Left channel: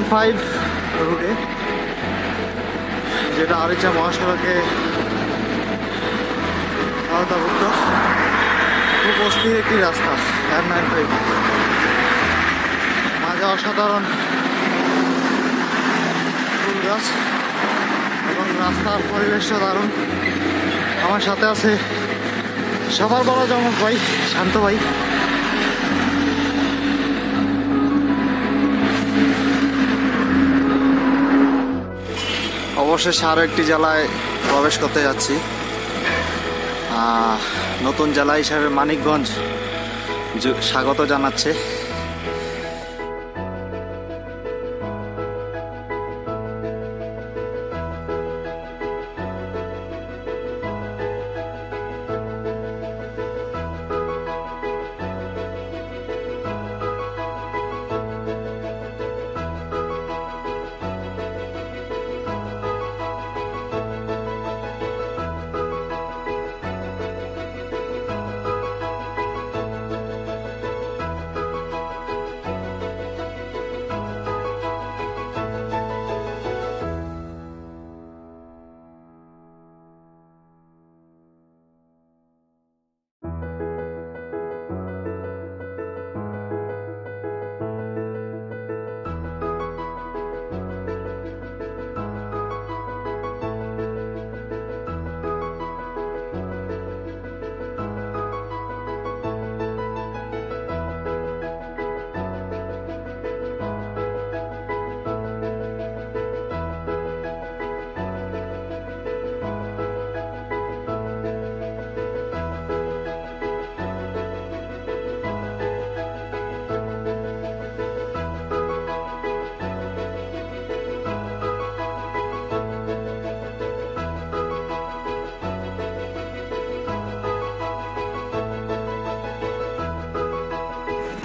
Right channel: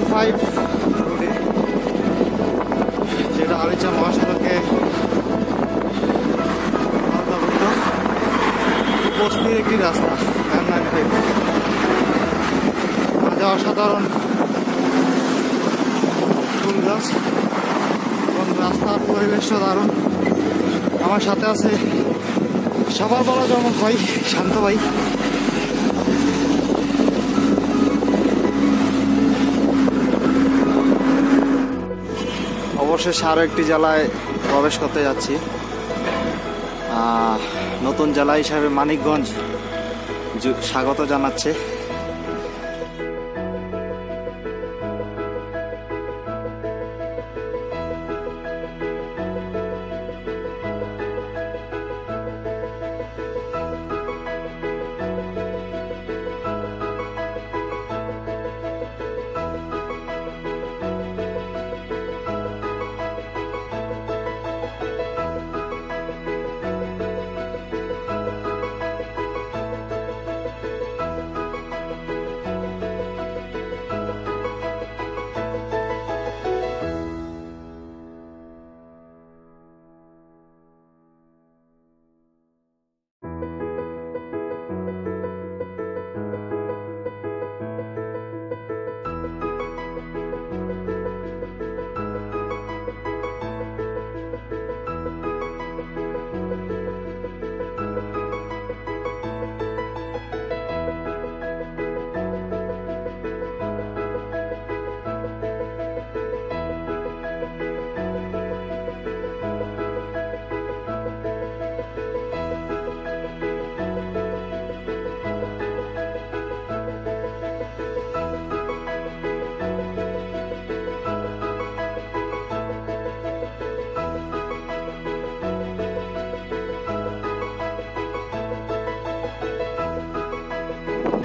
N5 রুটে, যেটা আরিচা মহাসড়কে আওতাভুক্ত। খুব অস্থির একটি রাস্তা N95, মাঝে অসাধারণ ফুল গাছ এবং রাস্তার পরিবেশও দারুণ। আমার সাথে আছে সবার বলা জমক ভাই, শান্ত ভাই। অবশেষে আরও একটি জেলায় প্রবেশ করতে যাচ্ছি। নতুন জেলা হিসাবে মানিকগঞ্জ স্বাগত জানাচ্ছে।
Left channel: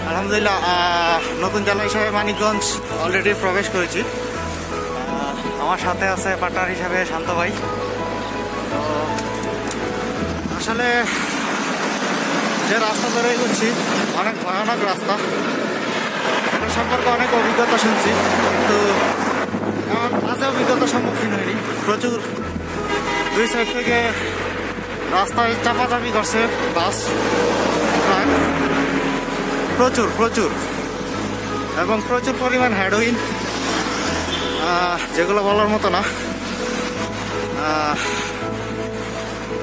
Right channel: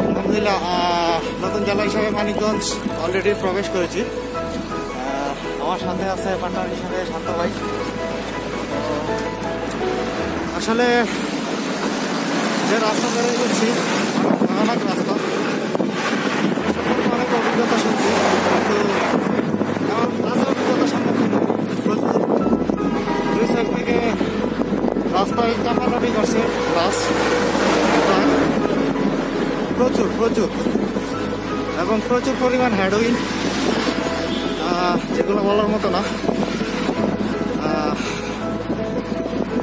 আলহামদুলিল্লাহ, নতুন জেলা হিসাবে মানিকগঞ্জ অলরেডি প্রবেশ করেছি। আমার সাথে আছে পার্টনার হিসাবে শান্ত ভাই। তো আসলে যে রাস্তা ধরে এগোচ্ছি অনেক ভয়ানক রাস্তা, এটা সম্পর্কে অনেক অভিজ্ঞতা শুনছি, কিন্তু এমন বাজে অভিজ্ঞতার সম্মুখীন হয়নি। প্রচুর দুই সাইড থেকে রাস্তায় চাপাচাপি করছে বাস, ট্রাক, প্রচুর এবং প্রচুর পরিমাণ হেরোইন, যেগুলো বলার মতো না।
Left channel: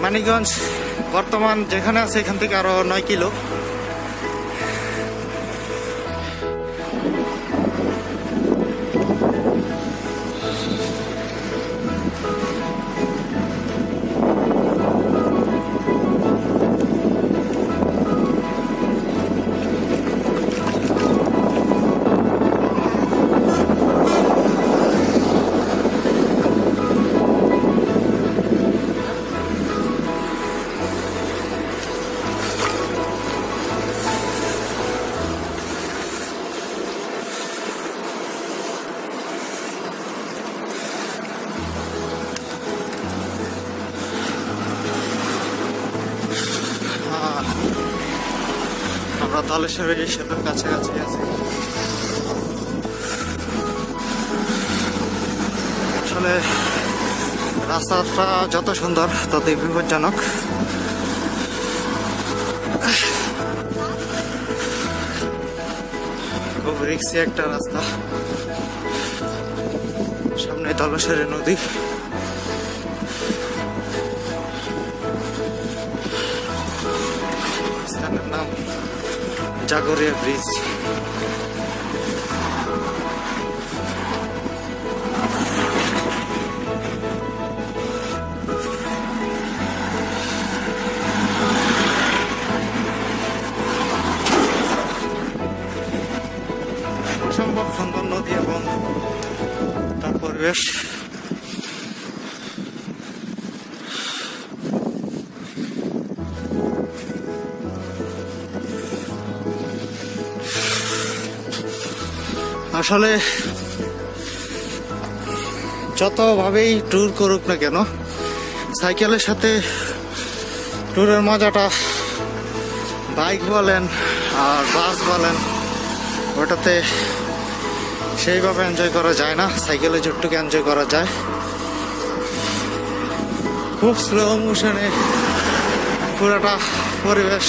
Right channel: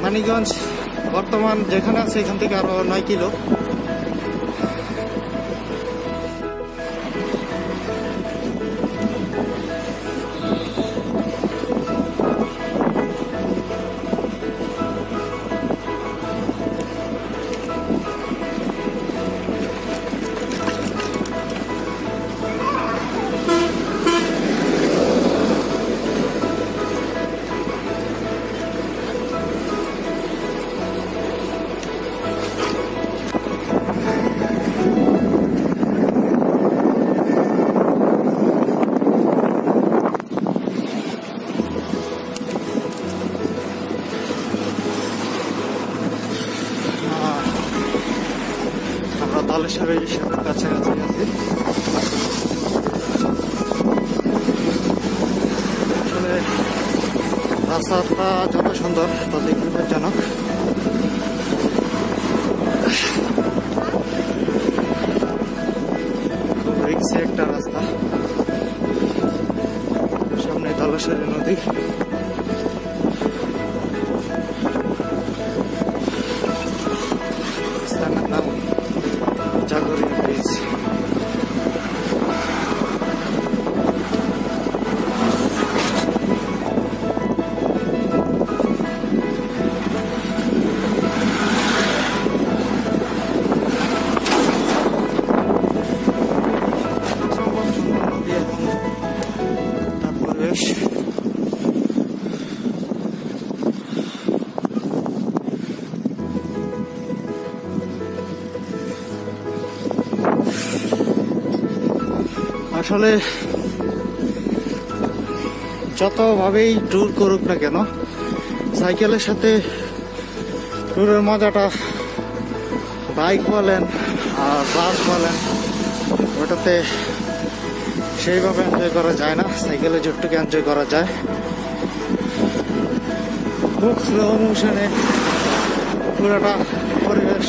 মানিকগঞ্জ বর্তমান যেখানে আছে এখান থেকে আরো 9 কিলো। আমরা ধলেশ্বরী সেতুর কাছাকাছি আছি। আসলে রাস্তাটা যত সুন্দর ততই বিপজ্জনক। খুব রিস্কি একটা রাস্তা। সামনে ধলেশ্বরী নদী। স্থানের নাম জাগরিয়া ব্রিজ। অসম্ভব সুন্দর নদী এবং তার পরিবেশ। আসলে যতভাবেই ট্যুর করুক না কেন, সাইকেলের সাথে ট্যুরের মজাটা বাইক বলেন আর বাস বলেন, ওটাতে সেইভাবে এনজয় করা যায় না, সাইকেলে যতটুকু এনজয় করা যায়। খুব স্লো মোশনে পুরোটা পরিবেশ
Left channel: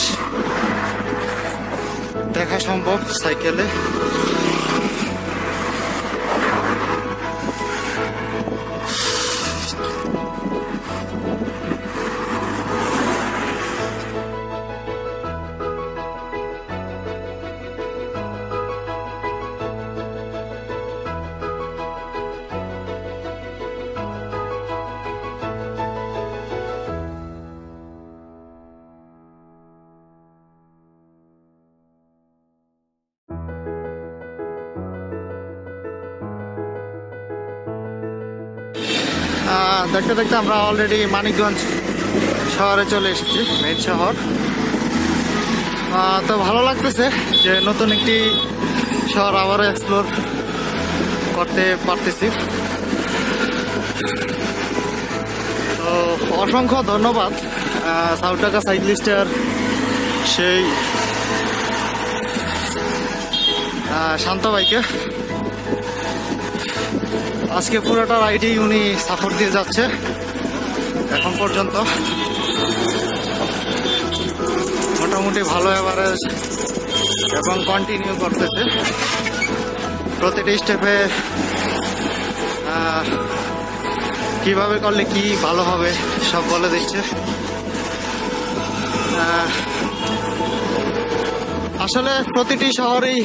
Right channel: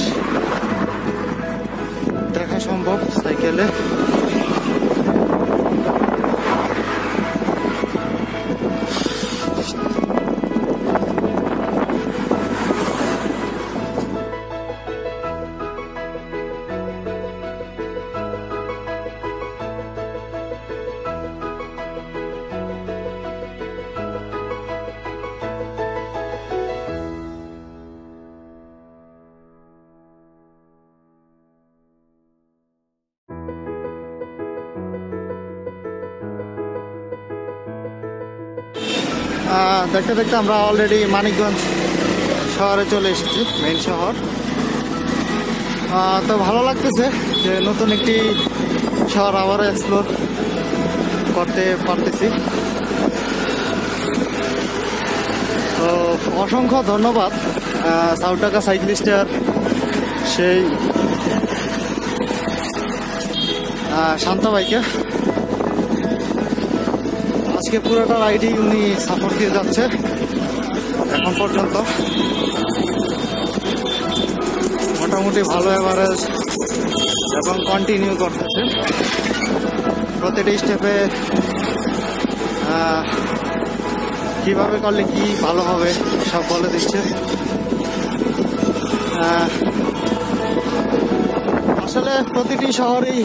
দেখা সম্ভব সাইকেলে। দেখতে দেখতে আমরা অলরেডি মানিকগঞ্জ শহরে চলে এসেছি, মেইন শহর। তো ভালো লাগতেছে যে নতুন একটি শহর আবারও এক্সপ্লোর করতে পারতেছি। তো অসংখ্য ধন্যবাদ সাউথ ঢাকা সাইক্লিস্টের সেই শান্ত ভাইকে। আজকে পুরোটা রাইডই উনি সাপোর্ট দিয়ে যাচ্ছে এখন পর্যন্ত। মোটামুটি ভালো এভারেজ এবং কন্টিনিউ করতেছে। প্রতিটি স্টেপে কিভাবে করলে কি ভালো হবে সব বলে দিচ্ছে। আসলে প্রতিটি শহরেই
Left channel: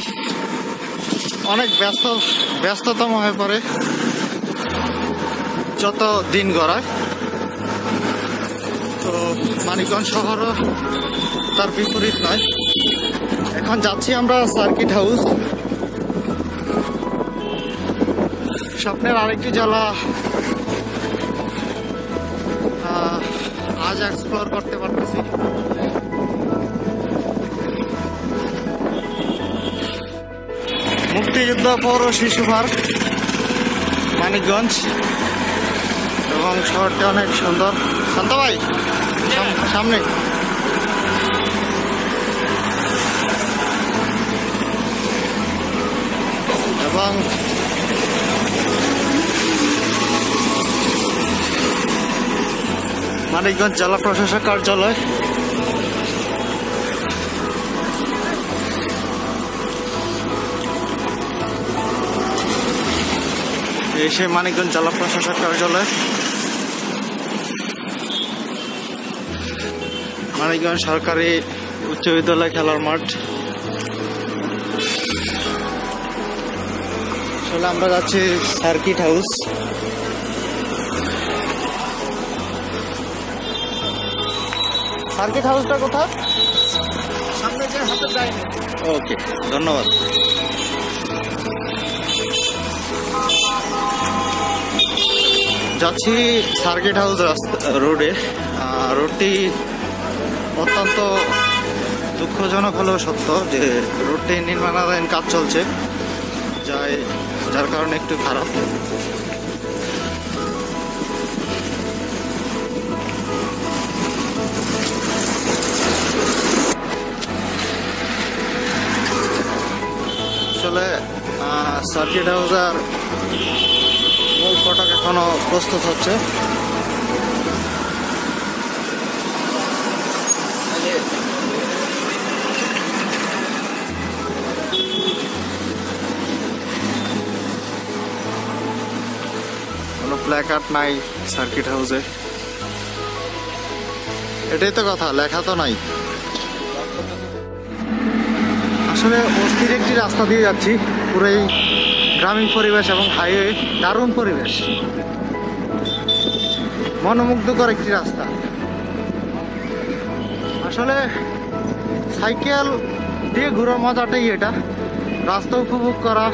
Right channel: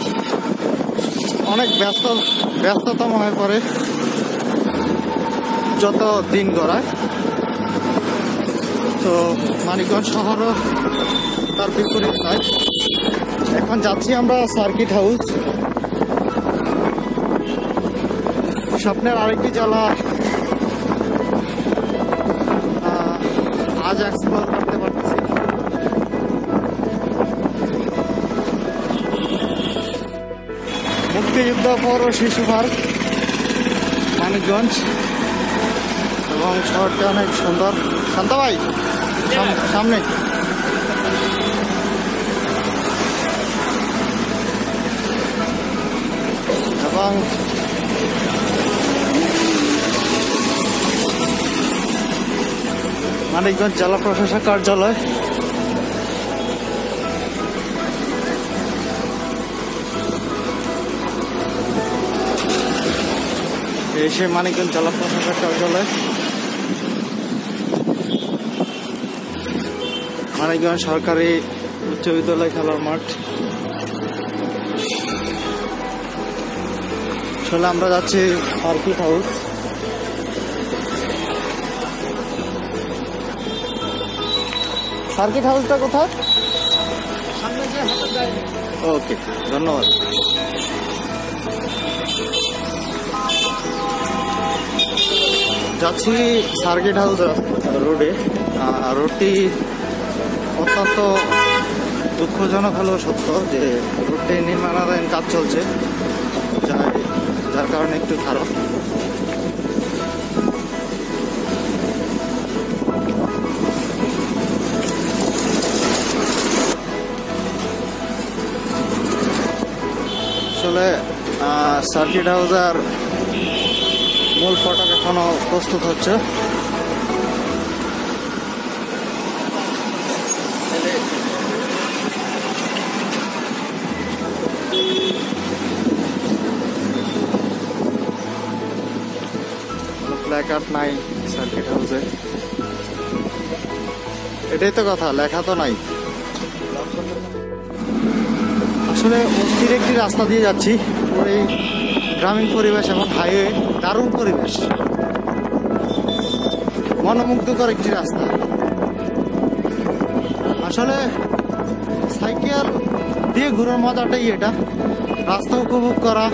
অনেক ব্যস্ততম হয়ে পড়ে যত দিন গড়ায়। তো মানিকগঞ্জ শহরও তার বিপরীত নয়। এখন যাচ্ছি আমরা সার্কিট হাউস, স্বপ্নের আরেকটি জেলা আজ এক্সপ্লোর করতে পারতেছি। মুক্তিযুদ্ধ পৌর শিশু পার্ক মানিকগঞ্জ, এবং শহরটি অনেক সুন্দর। শান্ত ভাই সামনে। এবং মানিকগঞ্জ জেলা প্রশাসক কার্যালয়। এই সে মানিকগঞ্জ জেলা প্রশাসক কার্যালয়, মানিকগঞ্জ সরকারি উচ্চ বিদ্যালয় খেলার মাঠ। আসলে আমরা যাচ্ছি সার্কিট হাউস। সার্কিট হাউসটা কোথায়? ওকে, ধন্যবাদ। যাচ্ছি সার্কিট হাউস রোডে। রোডটি অত্যন্ত দুঃখজনক হলেও সত্য যে রোডটি নির্মাণাধীন কাজ চলছে, যার কারণে একটু খারাপ। আসলে সার্কিট হাউসের মূল ফটক এখনো প্রস্তুত হচ্ছে। কোনো প্ল্যাকার্ড নাই সার্কিট হাউসে, এটাই তো কথা, লেখা তো নাই। আসলে অস্থির একটি রাস্তা দিয়ে যাচ্ছি, পুরোই গ্রামীণ পরিবেশ এবং হাইওয়ে, দারুণ পরিবেশ, মনোমুগ্ধকর একটি রাস্তা। আসলে সাইকেল দিয়ে ঘোরার মজাটাই এটা, রাস্তা উপভোগ করা,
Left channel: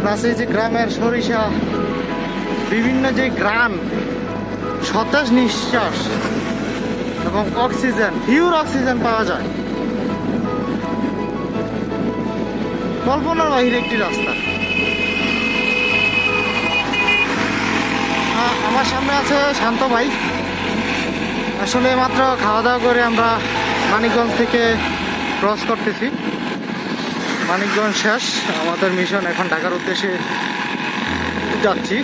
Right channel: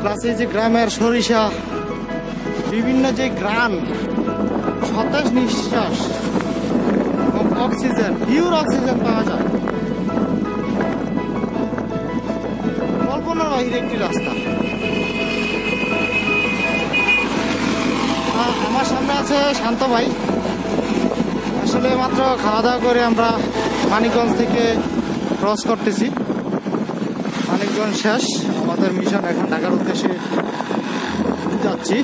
প্লাস এই যে গ্রামের সরিষা, বিভিন্ন যে গ্রাম, সতেজ নিঃশ্বাস এবং অক্সিজেন, পিওর অক্সিজেন পাওয়া যায়। কল্পনার বাহিরে একটি রাস্তা। আমার সামনে আছে শান্ত ভাই। আসলে মাত্র খাওয়া দাওয়া করে আমরা মানিকগঞ্জ থেকে ক্রস করতেছি। মানিকগঞ্জ শেষ, আমাদের মিশন এখন ঢাকার উদ্দেশ্যে যাচ্ছি।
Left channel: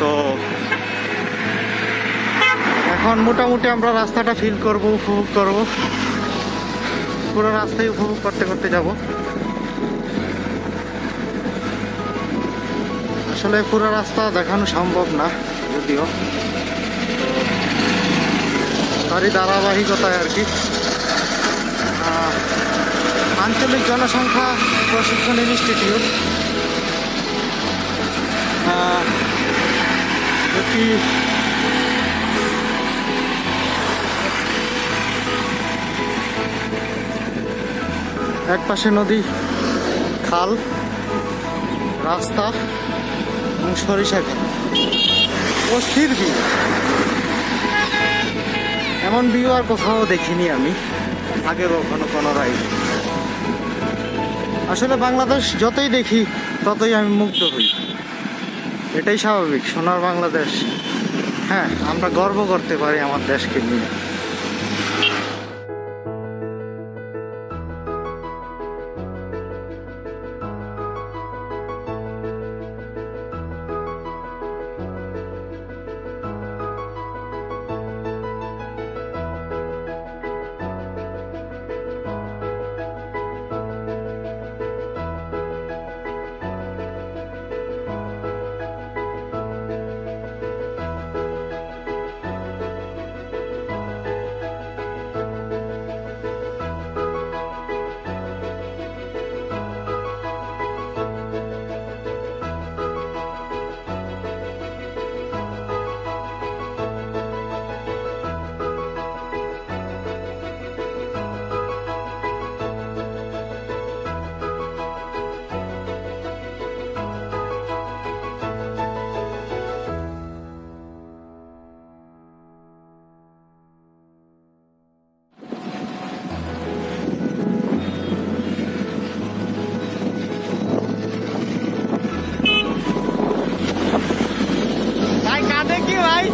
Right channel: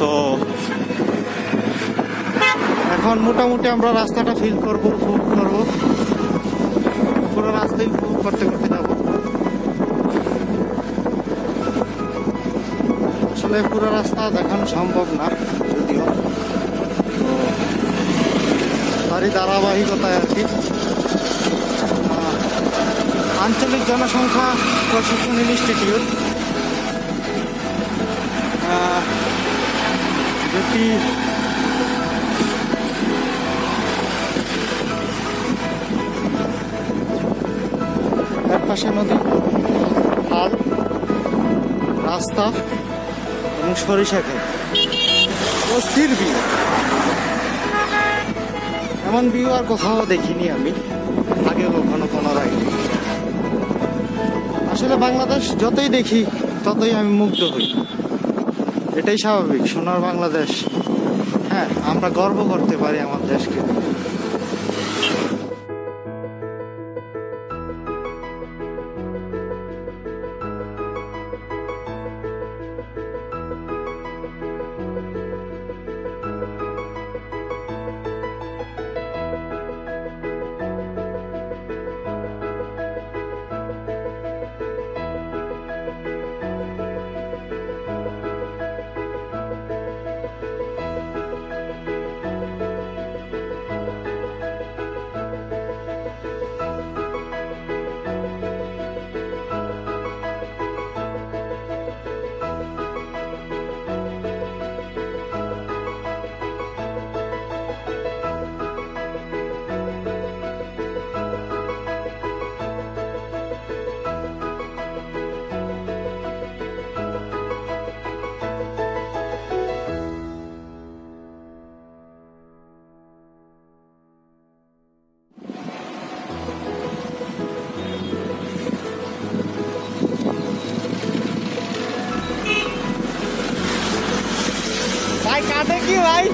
তো এখন মোটামুটি আমরা রাস্তাটা ফিল করব, উপভোগ করব, পুরো রাস্তায় উপভোগ করতে করতে যাব। আসলে পুরো রাস্তা দেখানো সম্ভব না যদিও, তো তারই ধারাবাহিকতায় আর কি। আঞ্চলিক জনসংখ্যা প্রশিক্ষণ ইনস্টিটিউট, যেটি এক পাশে নদী, খাল, রাস্তা এবং সরিষা ক্ষেত, অস্থির ভিউ। এমন ভিউ আর কোথাও দেখিনি আমি আগে কখনো কোনো রাইড। আসলে বাংলাদেশ যতই দেখি ততই আমি মুগ্ধ হই, এটাই স্বাভাবিক। সোনার বাংলাদেশ, হ্যাঁ, আমরা গর্ব করতে পারি আমার দেশকে নিয়ে। ভাই কাঁদে কি ভাই?